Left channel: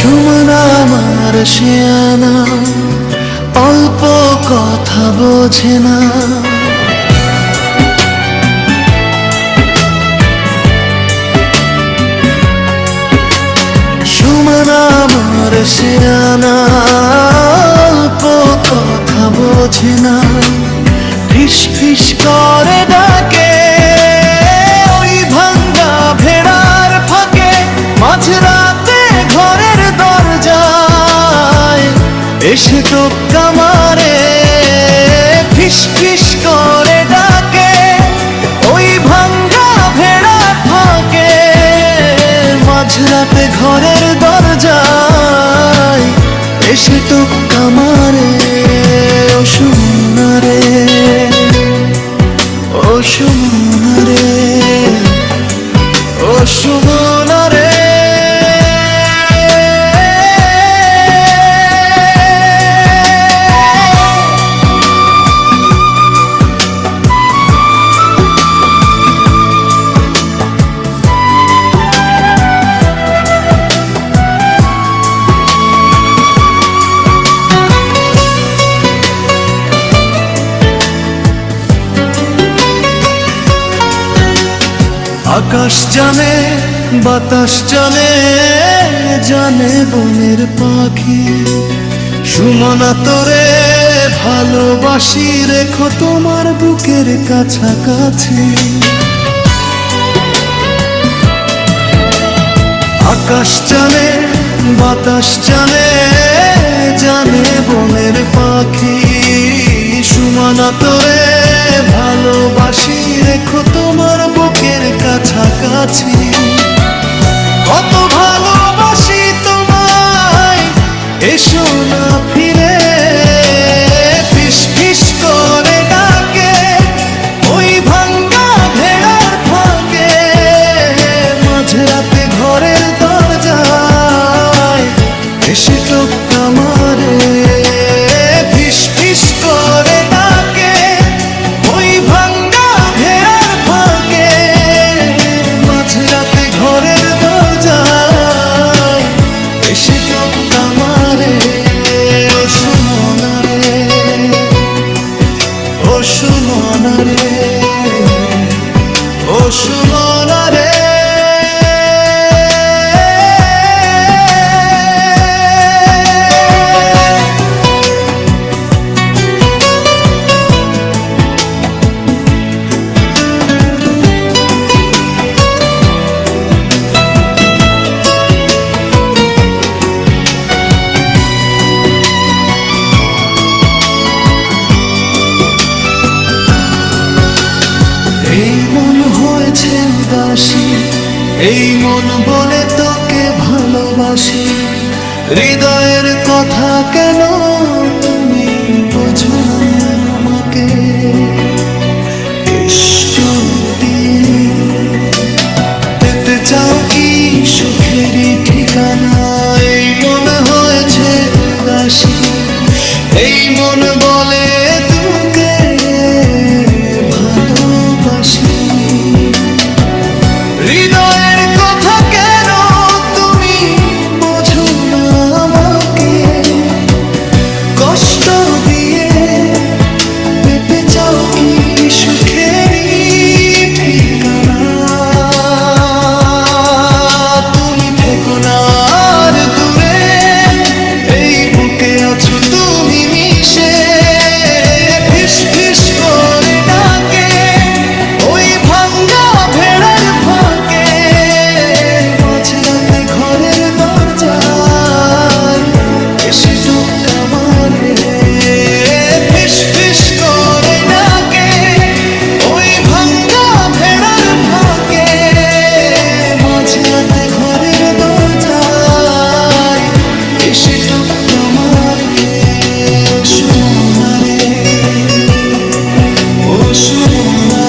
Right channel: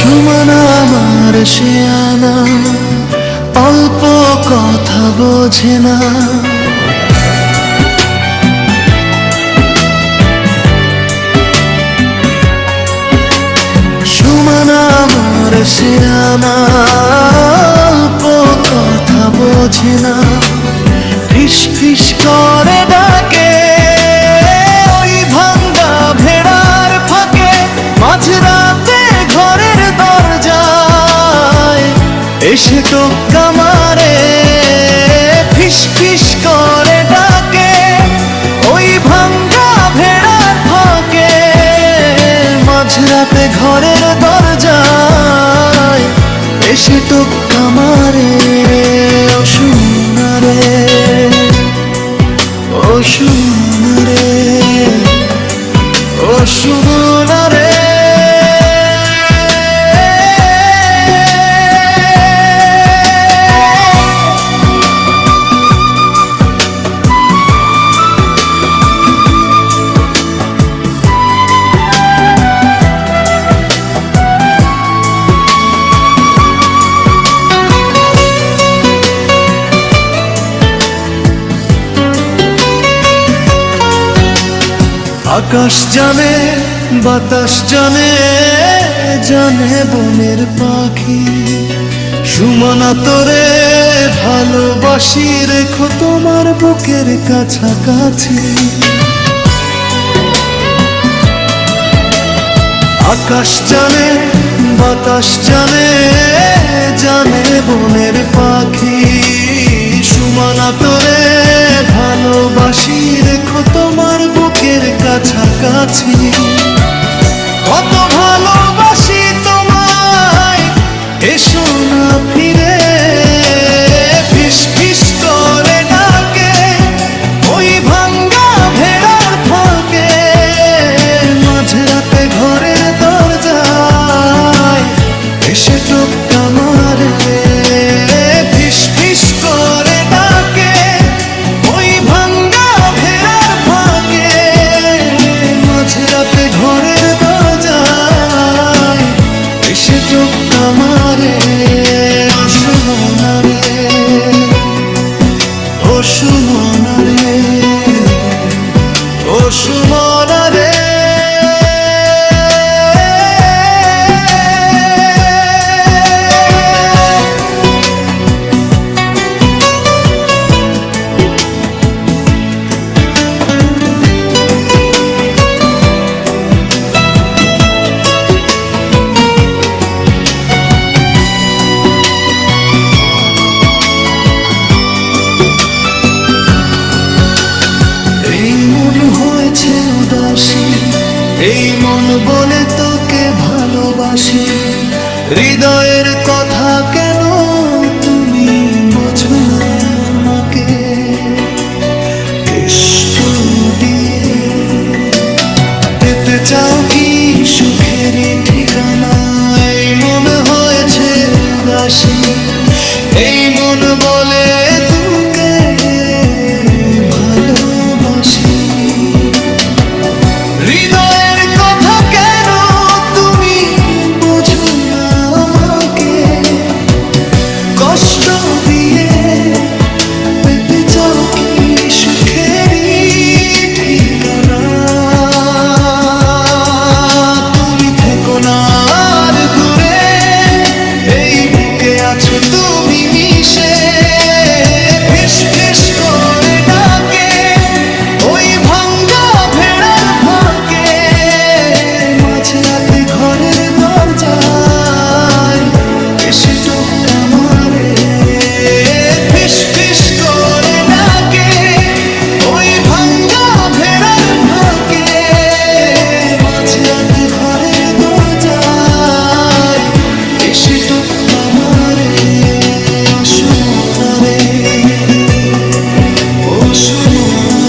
সুমন আমার শেয়ানা, অল্প কথা বোঝে না। সুমন আমার শেয়ানা, অল্প কথা বোঝে না। ফিস ফিস করে ডাকে ওই ভাঙ্গা ভেড়ার ফাঁকে, মাঝরাতে ঘরের দরজায় এসে টোক্কা মারে। ফিস ফিস করে ডাকে ওই ভাঙ্গা ভেড়ার ফাঁকে, মাঝরাতে ঘরের দরজায় এসে টোক্কা মারে। ও সুমনা রে, ও সুমনা রে, ও সুমনা রে। আকাশ জানে, বাতাস জানে, জানে বনের পাখি। সুমনা তোরে ভালোবাসি, রেখো তোমার বুকের কাছাকাছি। আকাশ জানে, বাতাস জানে, জানে বনের পাখি। সুমনা তোরে ভালোবাসি, রেখো তোমার বুকের কাছাকাছি। কত ভালোবাসি তোমায়, এসো না ফিরে। ফিস ফিস করে ডাকে ওই ভাঙ্গা ভেড়ার ফাঁকে, মাঝরাতে ঘরের দরজায় এসে টোক্কা মারে। ফিস ফিস করে ডাকে ওই ভাঙ্গা ভেড়ার ফাঁকে, মাঝরাতে ঘরের দরজায় এসে টোক্কা মারে। ও সুমনা রে, ও সুমনা রে, ও সুমনা রে। এই মন হয়েছে উদাসী, এই মন বলে তোকে ভালোবাসি। হৃদয়ের কথা কেন তুমি বোঝো না আমাকে? কষ্ট দিয়ে পেতে চাও কি সুখেরই ঠিকানা? এই মন হয়েছে উদাসী, এই মন বলে তোকে ভালোবাসি। হৃদয়ের কথা কেন তুমি বোঝো না আমাকে? কষ্ট দিয়ে পেতে চাও কি সুখেরই ঠিকানা? তুমি থেকো না আর দূরে, এই বুকে আছো তুমি মিশে। ফিস ফিস করে ডাকে ওই ভাঙ্গা ভেড়ার ফাঁকে, মাঝরাতে ঘরের দরজায় এসে টোক্কা মারে। ফিস ফিস করে ডাকে ওই ভাঙ্গা ভেড়ার ফাঁকে, মাঝরাতে ঘরের দরজায় এসে টোক্কা মারে। ও সুমনা রে, ও সুমনা